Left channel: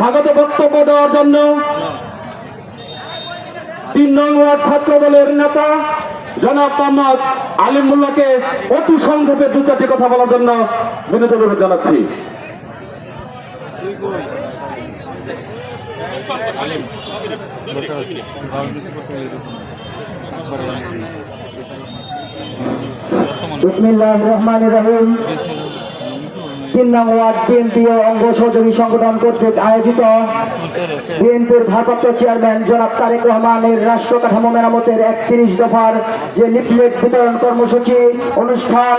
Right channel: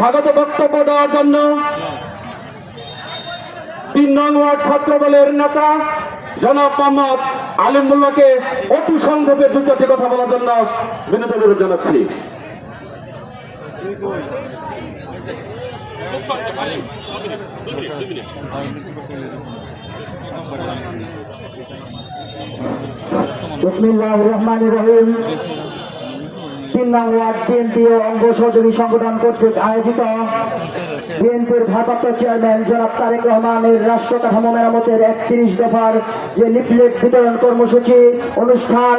স্বাগত বক্তব্য দেওয়ার জন্য 3 নং ওয়ার্ড ছাত্র দলের নেতা জনাব মোহাম্মদ আলিমুল্লাহকে অতি সংক্ষেপে 2-4টি কথা বলার জন্য বিনীত অনুরোধ জানাচ্ছি। বিসমিল্লাহির রহমানির রহিম। 3 নং ওয়ার্ড বিএনপি ও অঙ্গ সহযোগী সংগঠন কর্তৃক আয়োজিত বিএনপির ভারপ্রাপ্ত চেয়ারম্যান জনাব তারেক রহমানের রাষ্ট্র কাঠামো মেরামতের 31 দফার যে লিফলেট বিতরণ কর্মসূচি অনুষ্ঠান,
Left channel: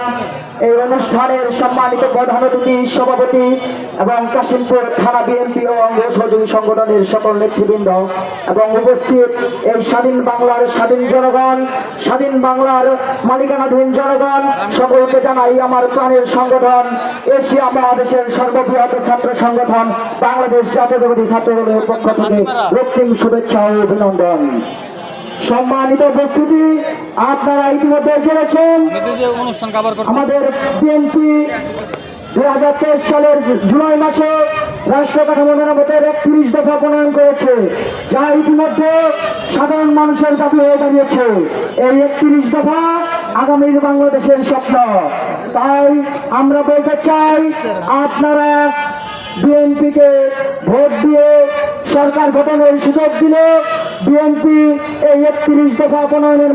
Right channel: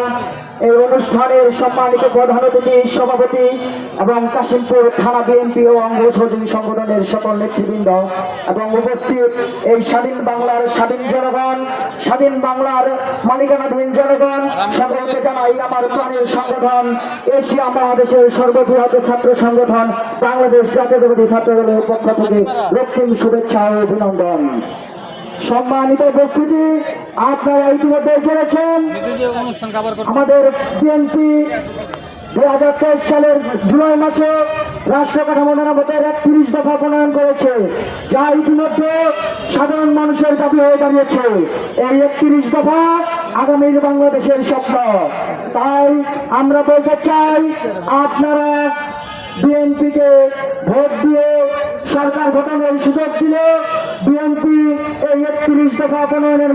এই অনুষ্ঠানের সম্মানিত প্রধান অতিথি সভাপতি এবং কাশিমপুর থানা বিএনপি ও অঙ্গ সহযোগী সংগঠনের সকল নেতৃবৃন্দ এবং উপস্থিত এই স্বাধীন বাংলার স্বাধীন জনগণ, স্বাধীন বাংলার মালিকানাধীন জনগণ, সকলকে জানাই আমার প্রাণের সংগঠন এশিয়া মহাদেশের সর্ববৃহৎ ছাত্র সংগঠন বাংলাদেশ জাতীয়তাবাদী ছাত্র দলের পক্ষ থেকে রক্তিম শুভেচ্ছা ও অভিনন্দন। সম্মানিত উপস্থিতি, আপনারা ইতিমধ্যে জেনেছেন আমাদের বিএনপি 2023 সালের জুলাই মাসে রাষ্ট্র কাঠামো মেরামতের 31 দফা প্রণয়ন করেছে, যা ইতিমধ্যে সাধারণ মানুষের দাবি হয়ে দাঁড়িয়েছে। এই 31 দফা আগামীর বাংলাদেশের স্বপ্ন। তাই আমরা বলতে চাই, আপনারা বিএনপিকে ভোট দিয়ে সরকার গঠনের সুযোগ দিলে বিএনপি এই 31 দফা প্রণয়নের